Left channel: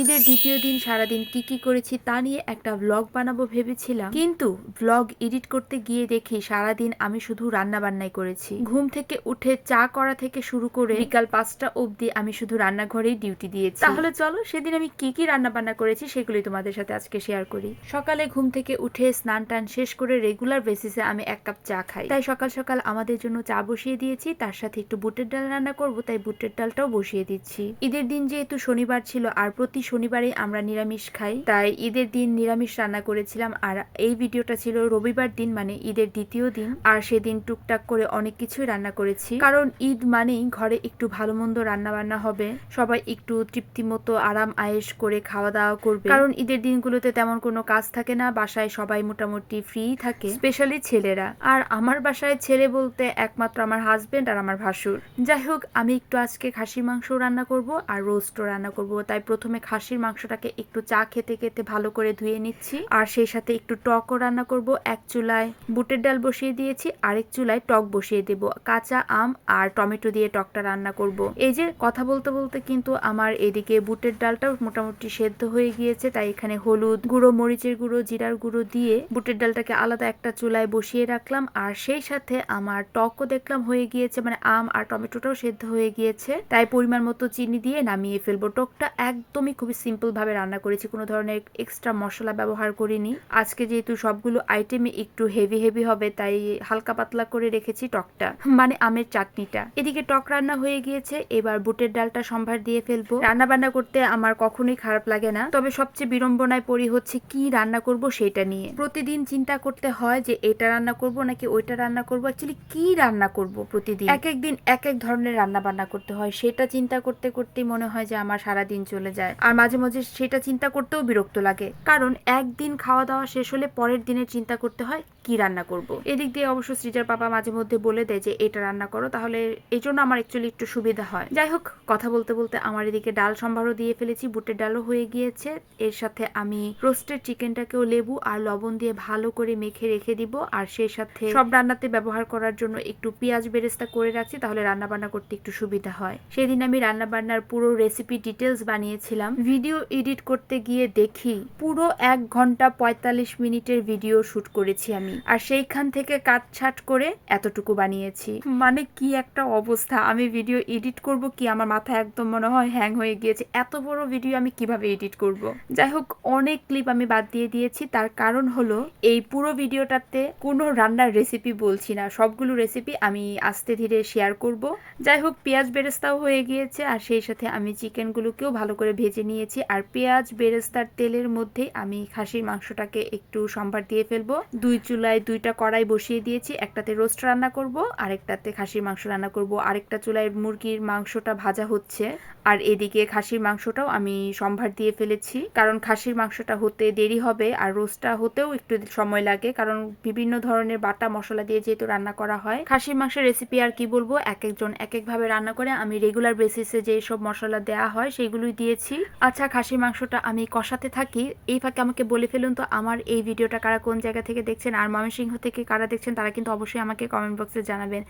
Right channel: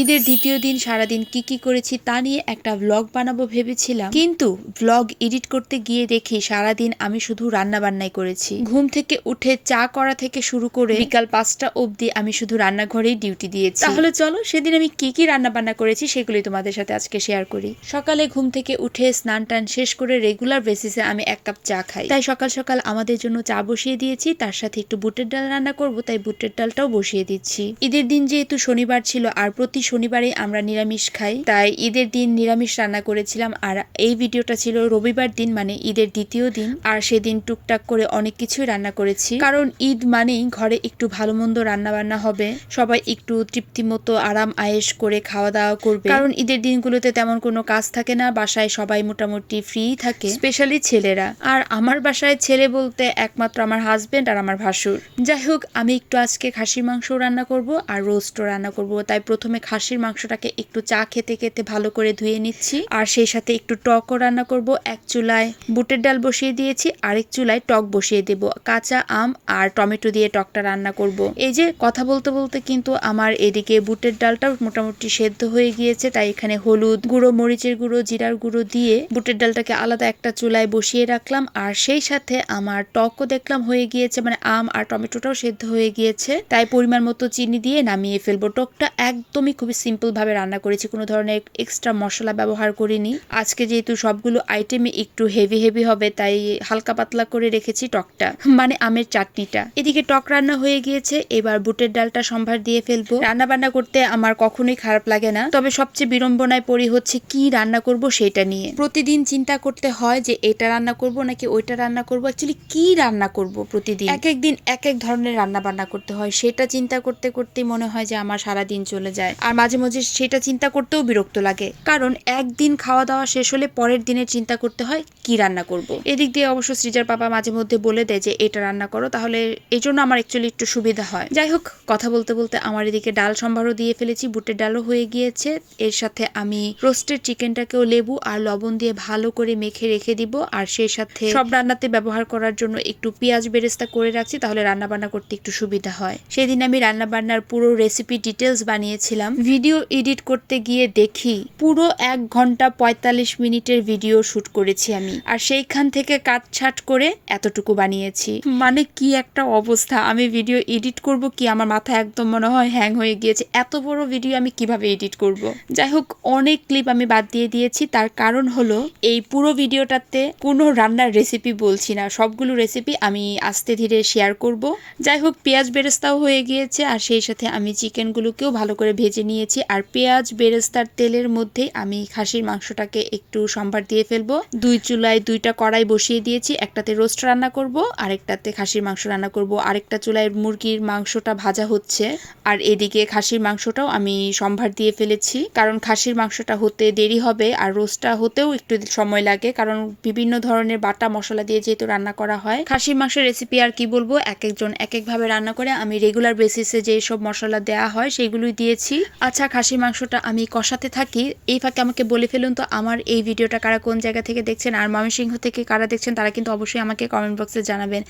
ঈদের দ্বিতীয় দিন সারাদিন কি করেছি তা নিয়ে একটা ব্লগ বানাবো ভেবেছিলাম, কিন্তু ব্লগ এডিট করতে গিয়ে দেখি সারাদিন আমি শুধু রান্না বান্নাই করেছি। ঘুম থেকে উঠে চা করা থেকে শুরু করে বিকাল 5টা অবধি আমি শুধু রান্নাঘরেই ডিউটি দিয়েছি। তাহলে চলো সেদিন আমি কি রান্না বান্না করেছি সেগুলি তোমাদের সাথে আজকে শেয়ার করি। সকালে ঘুম থেকে উঠে স্নান টান শেষ করে রেগুলার বেসিসে আমি 1 কাপ চা খাই, তাই সকাল সকাল আমাদের জন্য চা বসিয়ে দিয়েছি। তার সাথে একটু বুটের ডাল রান্না করব, তাই বুটের ডালটাও বসিয়ে দিচ্ছি। ঈদের দিন যেহেতু শনিবার ছিল আর প্রতি শনিবারে আমরা নিরামিষ খাই, তাই ঈদের দিন নিরামিষ রান্না করেছিলাম। আর এই ভিডিওটা ছিল রবিবার দিন, মানে ঈদের দ্বিতীয় দিন। আর সেদিন টুকটাক করে অনেক কিছুই রান্না করেছি, কারণ ঈদ মানেই ঘরে একটু ভালো মন্দ রান্না বান্না হবে, সবাই একটু তৃপ্তি মতো আরাম আয়েশ করে খাওয়া দাওয়া করবে। কারণ ঈদের দিনগুলোতে তেমন কোনো কাজ থাকে না, বাসায় সবাই মোটামুটি ফ্রি থাকে, স্পেশালি ছেলেরা। আর আমার বাসায় ছেলে বলতে একমাত্র আমার হাজবেন্ড আর আমার ভাসুর। যাই হোক, আমি একটু আজকে খাসির মাংস রান্না করব আর রোস্টও রান্না করব। তাই প্রথমে খাসির মাংসটাকে একটু চা খেতে খেতে ভালো করে ধুয়ে নিচ্ছি, আর সেই সাথে একটু টকও রান্না করব। এক চুলায় বুটের ডাল বসিয়ে দিয়েছি, আরেক চুলায় টক বসিয়ে দেব। কাঁচা আম আর টমেটো দিয়ে টকটা রান্না করব। এই যে কথা বলতে বলতে কিন্তু আমার এদিকে বুটের ডালটাও মোটামুটি সেদ্ধ হয়ে গিয়েছে, তাই এখানে হলুদ গুঁড়ো, মরিচের গুঁড়ো, জিরার গুঁড়ো দিয়ে বুটের ডালটাকে আলাদা একটা চুলায় বসিয়ে রাখলাম। আর সেই সাথে আমার টকও দেখলাম হয়ে গিয়েছে, মানে আম আর টমেটোটাও সেদ্ধ হয়ে গিয়েছে, তাই পরিমাণ মতো চিনি দিয়ে নামিয়ে ফেলবো। টকটা একদমই খুবই সিম্পল ভাবে রান্না করেছি, কোনো ধরনের এক্সট্রা মশলা ব্যবহার করিনি। আজকে যেহেতু সবগুলো আইটেমে একটু হেভি হবে, তাই হালকা পাতলা করে রেখেছি টকটা, মানে আমের চাটনিটা। এদিকে টক রান্না হয়ে গিয়েছে, এবার বুটের ডালটা সম্ভার দিয়ে ফেলবো। রান্না বান্না করতে আমার কখনোই খারাপ লাগে না, তবে সবচেয়ে বিড়ম্বনায় পড়ি হচ্ছে কি রান্না করব সেটা নিয়ে। প্রতিদিন চিন্তা করতে হয় যে এটা রান্না করব নাকি ওইটা রান্না করব, অ্যাকচুয়ালি কি রান্না করব। প্রতিদিন এক এক দিন এক এক ধরনের রান্না বান্না করতে হয়, সেটা চিন্তা করতে করতে মনে হয় যে আমার সারা দিন চলে যায়। আর মাঝে মাঝে সেটা চিন্তা করতেও বিরক্ত লাগে, কারণ একদিন খাওয়া দাওয়া শেষ হলে পরের দিনের চিন্তা করতে হয় কি রান্না করব। এদিক দিয়ে অবশ্য সৃজার পাপা মাঝে মধ্যে বলে দেয় যে এটা রান্না করো, তাহলে এই জন্য আমার অ্যাকচুয়ালি একটু সুবিধা হয়। যাই হোক, কথা বলতে বলতে আমার এদিকে ডাল সম্ভারও দিয়ে ফেলেছি, বুটের ডালও হয়ে গিয়েছে। এর সাথে আমি রোস্টেড চিকেনটাকেও লেবু আর লবণ দিয়ে ভালো করে মেখে রেখে দিব। আর সেই সাথে সব রান্নাতে ব্যবহার করার জন্য একটু পেঁয়াজ বেরেস্তা করে রাখছি, তাহলে রান্না বান্না করতে একটু সুবিধা হয়। সেদিন আমি রান্না বান্নার পুরো রেসিপি ডিটেলস বানিয়েছিলাম। ভিডিও এডিট করতে গিয়ে দেখি পুরো 1 ঘন্টা 45 মিনিটের ভিডিও শুট করেছি আমি, আর সেইখান থেকে কাটছাট করে এতটুকু বানিয়েছি। মানে কি একটা অবস্থা! আমি ভিডিও এডিট করব কি, আমার মাথা একদম মনে হয় হ্যাং হয়ে গিয়েছে। এত বড় ভিডিও আমি কিভাবে এডিট করব? যাই হোক, অনেক ক্লিপ আমি বাদ দিয়ে দিয়েছি। তার কারণ হলো এই পুরো ভিডিওটাতে কোনো রান্নার রেসিপি বলছি না, সবগুলো রেসিপি আমি আস্তে ধীরে শেয়ার করব। যাই হোক, পেঁয়াজ বেরেস্তাও হয়ে গিয়েছে, আর সেই সাথে আমি চিকেনগুলোকেও ভালো করে ভেজে নিয়েছি। আর পেঁয়াজ বেরেস্তার তেলের মধ্যে আমি খাসির মাংসটাকে একটু সম্ভার দিয়ে ফেলবো। 2 চুলায় 2টা কড়াই বসিয়ে দিয়েছি, একটাতে রোস্ট রান্না করব, আরেকটাতে খাসির মাংস রান্না করব। আরেকটা চুলায় মুরগির মাংসটা ভাজা হচ্ছে, আর এদিকে খাসির মাংসটাও আমি সম্ভার দিয়ে ফেলেছি, কারণ খাসির মাংসটা হতে দেরি হবে আর রোস্টটা হতেও একটু সময় লাগে, কারণ বিভিন্ন ধরনের বাটা মশলা দিয়ে যেহেতু রান্না করা হয়। খাসির মাংসের রেসিপি আর কি বলবো, এক একজন এক একভাবে রান্না করে। আমি রেগুলার বেসিসে যে সব মশলা দেওয়া হয় সেগুলোই দিয়েছি। আচ্ছা, খাসির মাংসটা আমি কষাতে থাকি। এই ফাঁকে আমাকে বলে ফেলুন তো আমার এই ভিডিওটা কারা কোন জায়গা থেকে দেখছেন, আর ময়মনসিংহ থেকে কারা দেখছেন তারা কিন্তু অবশ্যই আমাকে কমেন্ট বক্সে জানাবেন।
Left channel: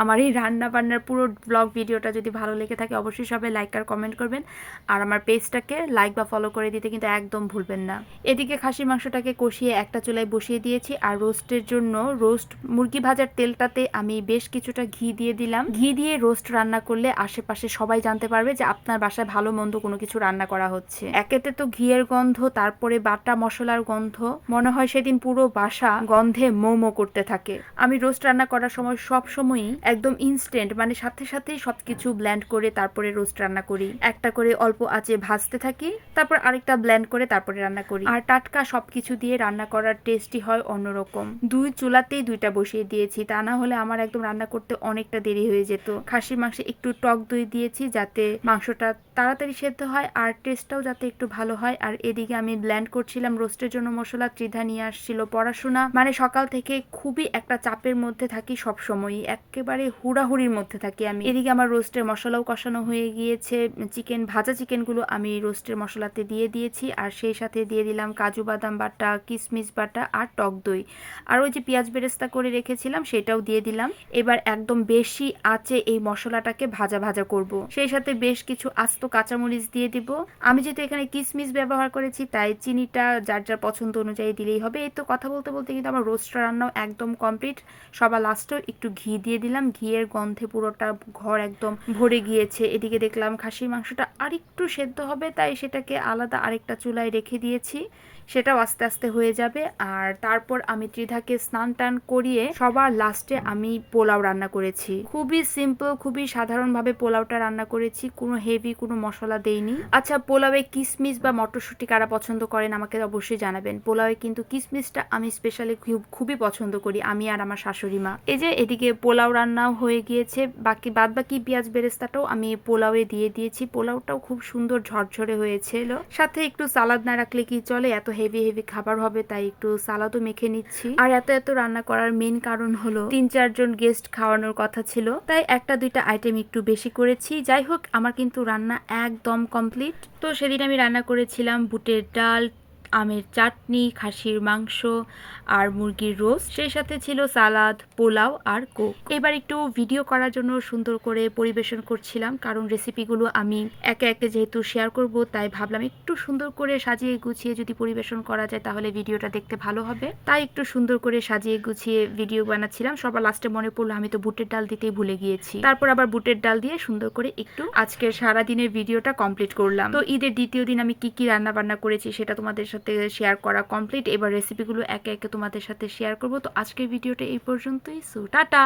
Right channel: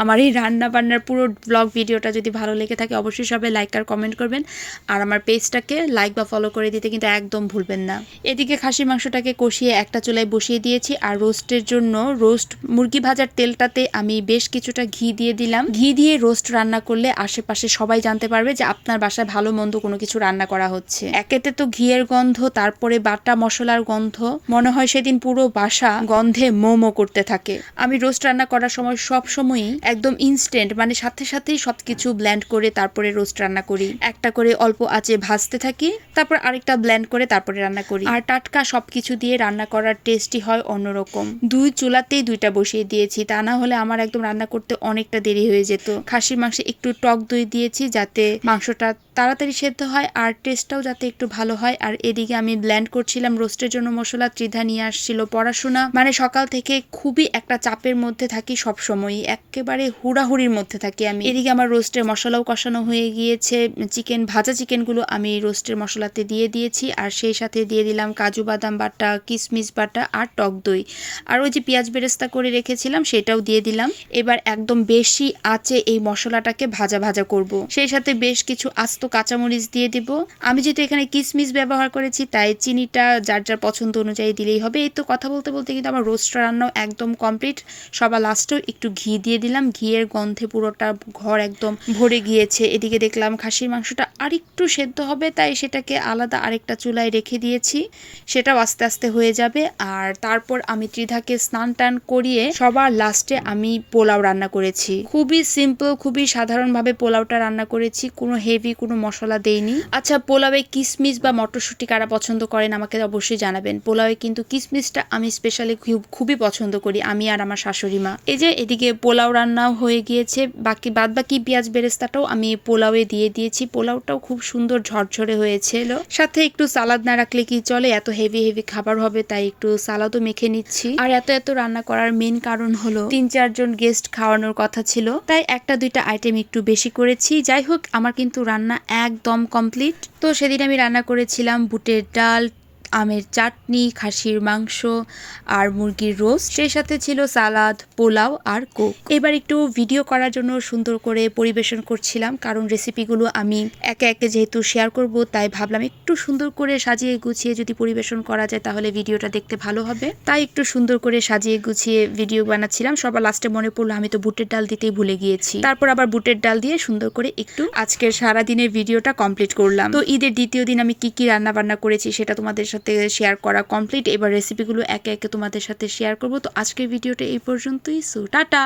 আমার এই রান্না বান্নার পুরো ব্লগ ভিডিওটা যদি ভালো লেগে থাকে অবশ্যই সবাই লাইক আর কমেন্ট করবেন, আর আমার পেজটাকে লাইক বা ফলো করে দিতে কিন্তু একদম ভুলবেন না। এদিকে খাসির মাংসটাকে কষিয়ে একটা চুলায় বসিয়ে দিয়েছি, আর রোস্টের জন্য রোস্ট মুরগি ভাজার তেলটাতে আমি বেশ কিছুটা ঘি দিয়ে দিলাম। ঘি দিয়ে রোস্ট রান্না করলে আশেপাশে সবাই জানতে পারবে যে আপনার বাসায় ভালো মন্দ কোনো কিছু রান্না করা হচ্ছে। একেতে তো ঘিয়ের গন্ধ, তারপরে বাটা মশলার গন্ধ, মনে হয় সেদিন পুরো বাসা গন্ধে মোমো করতে থাকে। আমি রোস্ট রান্না করার সময় সব সময়ই একদম ইনস্ট্যান্ট, মানে সাথে সাথেই সবকিছু ব্লেন্ড করে তারপরে রোস্ট রান্না করি। একটা করে অল্প আঁচে ভাজতে থাকি, তারপর আরেকটা ব্লেন্ড করে তারপরে রান্না করি। আর টাটকা সবকিছু দিয়ে রান্না করার টেস্টই হয় অন্যরকম। 2 চুলাতেই 2টা বসিয়ে দিয়েছি, তা না হলে আমার একদম রান্না করতে অনেকটা দেরি হয়ে যেত। খাসির মাংসে একটু টক দই দিয়েছি যাতে মাংসটা তাড়াতাড়ি সেদ্ধ হয় আর টেস্টটাও যাতে একটু ভালো হয়। আর এদিকে আমি ব্লেন্ড করছিলাম রোস্টের জন্য মশলা। ত্রিধা নিয়ে আসছিল পড়াশোনা, মানে সকাল থেকে খুবই একটা চাপের মধ্যে থাকি, সব সময়ই একেবারে হুড়াহুড়ির মধ্যে থাকি আমি। এদিকে আমার রোস্টের মশলাও কষানো হয়ে গিয়েছে, ভাজা চিকেনগুলো আমি রোস্টের মশলাতে দিয়ে দিয়েছি, আর সেই সাথে দিয়ে দিলাম কাজু বাদাম বাটা, কিশমিশ বাটা আর টক দই, আর ওই যে পেঁয়াজ বেরেস্তা করে রেখেছিলাম সেটাও দিয়ে দিলাম। এবার একদম বেশি আঁচে এই মশলাটাকে ভাজা ভাজা করব। সেই সাথে বেশ কিছু আস্ত আস্ত কাঁচামরিচ দিয়ে দিব। আমি যেহেতু এখানে কিশমিশ ব্যবহার করেছি তাই চিনিটা যার যার পছন্দ অনুযায়ী দিলেই হবে। এই তো কথা বলতে বলতে কিন্তু আমার রোস্টটা রান্নাও একদম কমপ্লিট। সবার লাস্টেও একটু ঘি দিয়ে দিলাম, ঘিয়ের গন্ধে পুরোটা ঘর একদম ভরে গিয়েছে। এদিকে দেখলাম খাসির মাংসটা আরেকটু সেদ্ধ হবে, তাই সেটাকে আলাদা আরেকটা চুলায় রেখে দিয়েছি, সেটাও আস্তে আস্তে হয়ে যাবে। আর তারপর আমি ত্রিধাকে স্নান টান করিয়ে সবার লাস্টে আমি পোলাও রান্না করেছি। খুবই সিম্পল, খুবই সাধারণভাবে পোলাওটা রান্না করেছি, কোনো হেভি কোনো মশলা দেইনি। আচ্ছা, পোলাওয়ে কিশমিশ বা মটরশুঁটি কারা পছন্দ করেন আমাকে অবশ্যই জানাবেন। পোলাওয়ে কিন্তু কিশমিশটা আমি স্পেশালি খুবই পছন্দ করি, আমি আর আমার শাশুড়ি মা। এই যে এদিকে পোলাও রান্না হয়ে গিয়েছে, বাদ বাকি পেঁয়াজ বেরেস্তাটাও আমি পোলাওয়ে দিয়ে দিয়েছি। পোলাওটাও খুব সুন্দর ঝরঝরে হয়েছিল। সাথে একটু সালাদ না রাখলে কি চলে, এত হেভি হেভি খাবার হবে তাই একটু সালাদও মেখে নিচ্ছি। আর এত রান্না করার মেন কারণ হলো 3-4 জন গেস্ট খাওয়ানোর কথা ছিল, তাই 1-2টা আইটেম একটু বেশি করেছি। যাই হোক, আমার কিন্তু রান্না একদম কমপ্লিট। তো সেদিন আমি রান্না করেছিলাম বুটের ডাল, আমের চাটনি, খাসির মাংস আর মুরগির রোস্ট, সেই সাথে ছিল সালাদ, পোলাও আর কোক। এবার একটু ভিডিও করার জন্য সুন্দর করে পরিবেশন করছিলাম, কারণ রেসিপিগুলো আমি একে একে যেহেতু শেয়ার করব তাই ভাবলাম একটু সুন্দর করে সাজিয়ে গুছিয়ে যদি পরিবেশন করা যায় তাহলে ভিডিওটা দেখতে ভালো হবে। তাই একটু সুন্দর করে সাজিয়ে গুছিয়ে ভিডিও বানাচ্ছিলাম। সবার লাস্টে মনে পড়লো আমি তো বুটের ডাল দিতেই ভুলে গিয়েছি। তারপর আবার বুটের ডাল দিয়ে সুন্দর করে একটু আজকের সারাদিনের ভিডিওটা কমপ্লিট করলাম। তো ঈদের দ্বিতীয় দিন আমি কি রান্না বান্না করেছি সেটা তোমাদের সাথে শেয়ার করা কমপ্লিট। এবার রেসিপিগুলো একে একে তোমাদের সাথে শেয়ার করব। তো আজকের ভিডিওটা এই পর্যন্তই। So tata.